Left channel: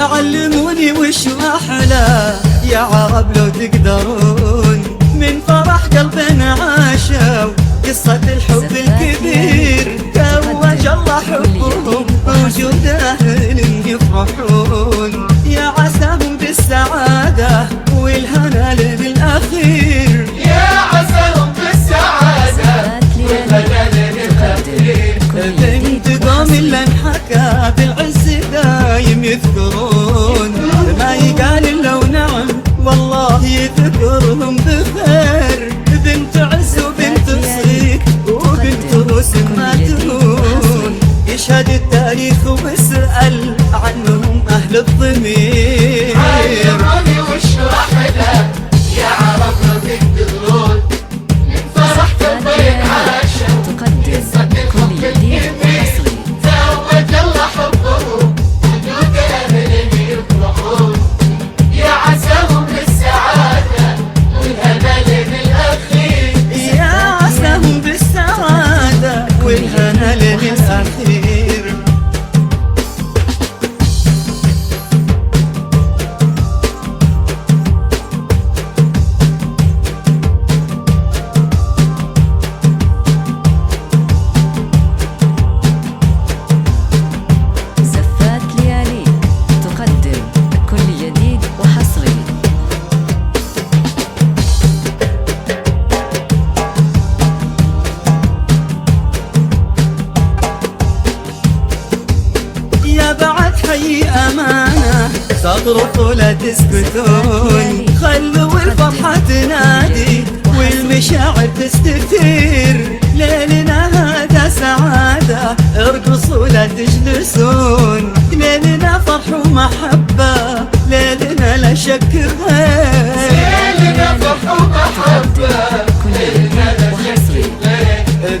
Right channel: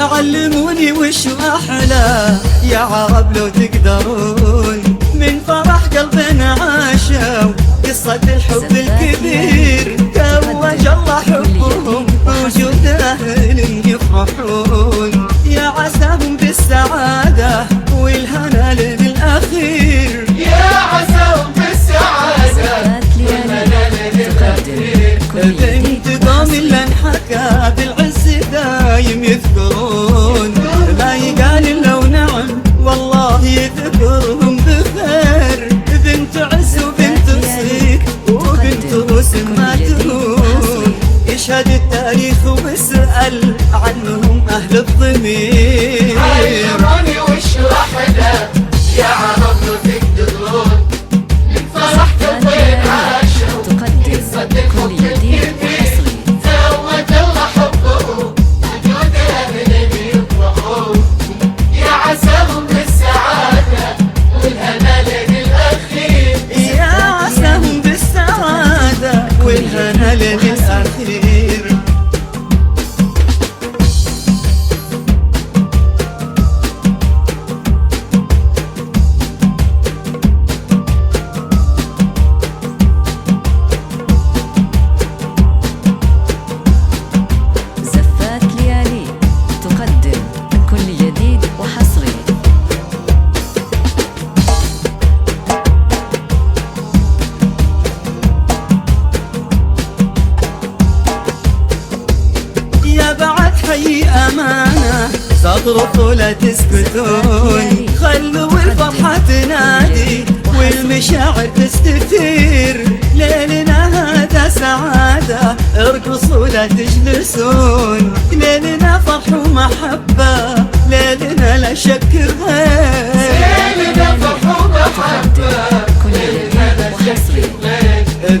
علموني وش أحلى يا عرب لو تقدرون، من فرح قلبنا عاشوا قصة الحب الكبير، توج الله حبهم وجود أهل يفرحون، يا عساهم بالسعادة والهنا للأخير، يا عساهم بالسعادة بنت قوم اللي انحكى بالعز دايم يذكرون، ما يقال الا ونعم والله يذكرهم بخير، بنت عز وبنت صديق وبنت روس ما تهون، يشهد التاريخ واسأل عنهم أهل الضمير. علموني وش أحلى يا عرب لو تقدرون، من فرح قلبنا عاشوا تقدم كل جديد وحصري، توج الله حبهم وجود أهل يفرحون، يا عساهم بالسعادة والهنا للأخير، يا عساهم بالسعادة والهنا للأخير. زفات لياليك تقدم كل جديد وحصري. يا بعد حي أمانة صغروا لا تسكتون، خلوا الفرحة تنادي والمشاعر تستثير، ليلنا هذا سعادة ارقصوا لا تجلسون، ليلنا فرح ومحبة ليلنا لا شك غير، ليلنا فرح ومحبة كل جديد وحصري.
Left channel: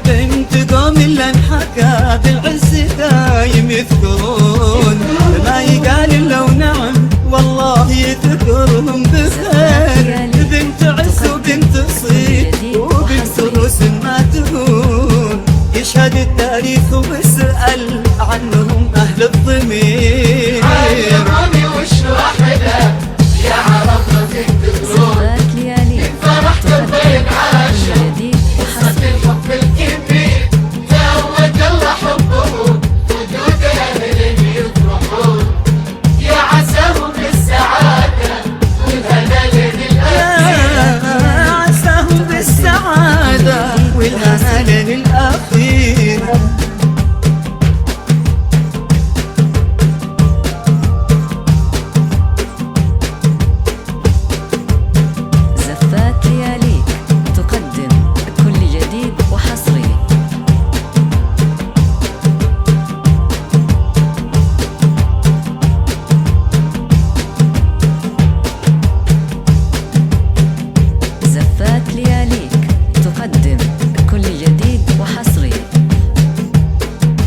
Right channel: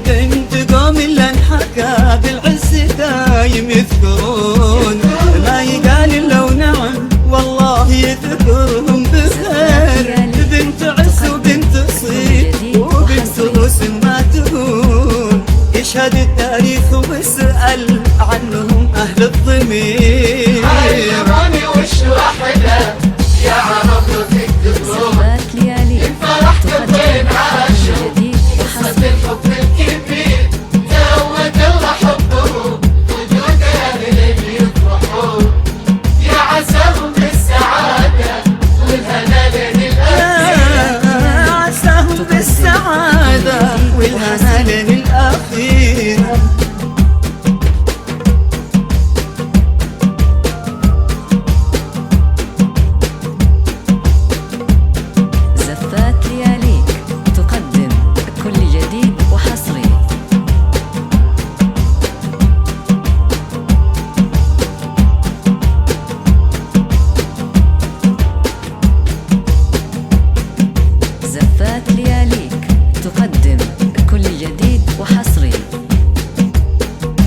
بنت قوم اللي انحكى بالعز دايم يذكرون، ما يقال الا ونعم والله يذكرهم بخير، بنت عز وبنت صيد وبنت روس ما تهون، يشهد التاريخ واسأل عنهم أهل الضمير. علموني وش أحلى يا عرب لو تقدرون، زفات لياليك تقدم كل جديد وحصري. الحب الكبير توج الله حبهم وجود أهل يفرحون، يا عساهم بالسعادة والهنا للأخير، يا عساهم بالسعادة والهنا للأخير. زفات لياليك تقدم كل جديد وحصري. زفات لياليك تقدم كل جديد وحصري.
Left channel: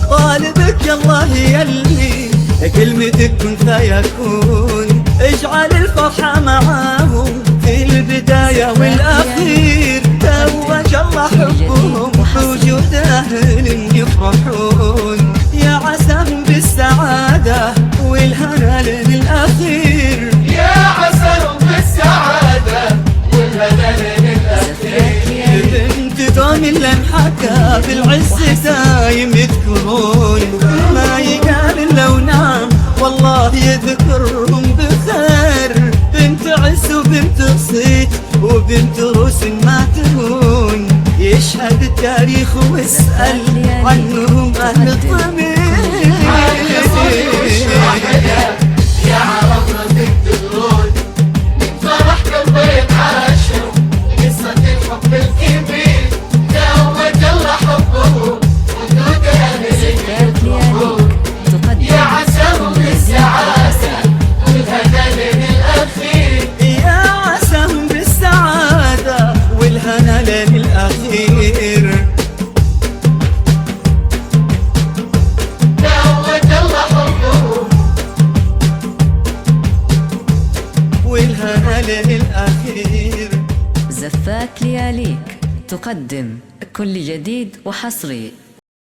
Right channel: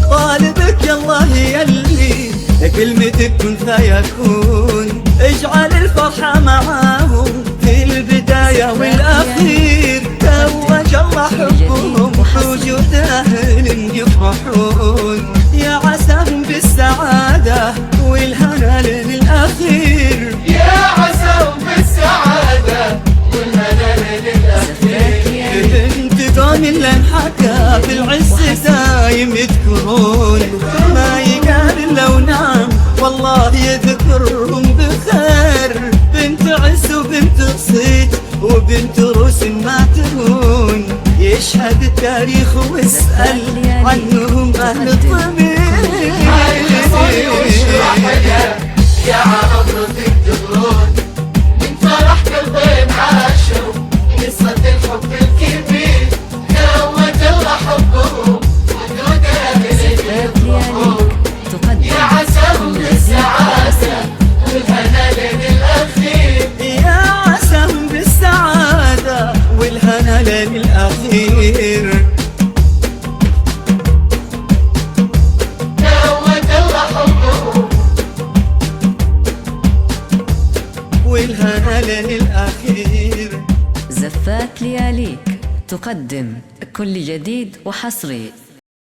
طالبك يا الله يلي كلمتك كن فيكون، اجعل الفرحة معاهم في البداية والأخير، توج الله حبهم بوجود أهل يفرحون، يا عساهم بالسعادة والهنا للأخير، يا عساهم بالسعادة والهنا للأخير. زفات لياليك بنت قوم اللي انحكى بالعز دايم يذكرون، ما يقال الا ونعم والله يذكرهم بخير، بنت عز وبنت صيت وبنت روس ما تهون، يشهد التاريخ واسأل عنهم أهل الضمير. يا عرب لو تقدرون، من فرح قلبنا عاشوا قصة الحب الكبير، توج الله حبهم وجود أهل زفات لياليك تقدم يا عساهم كل جديد بالسعادة وحصري. والهنا للأخير، يا عساهم بالسعادة والهنا للأخير. توج الله حبهم والهنا والهنا لين الأخير. زفات لياليك تقدم كل جديد وحصري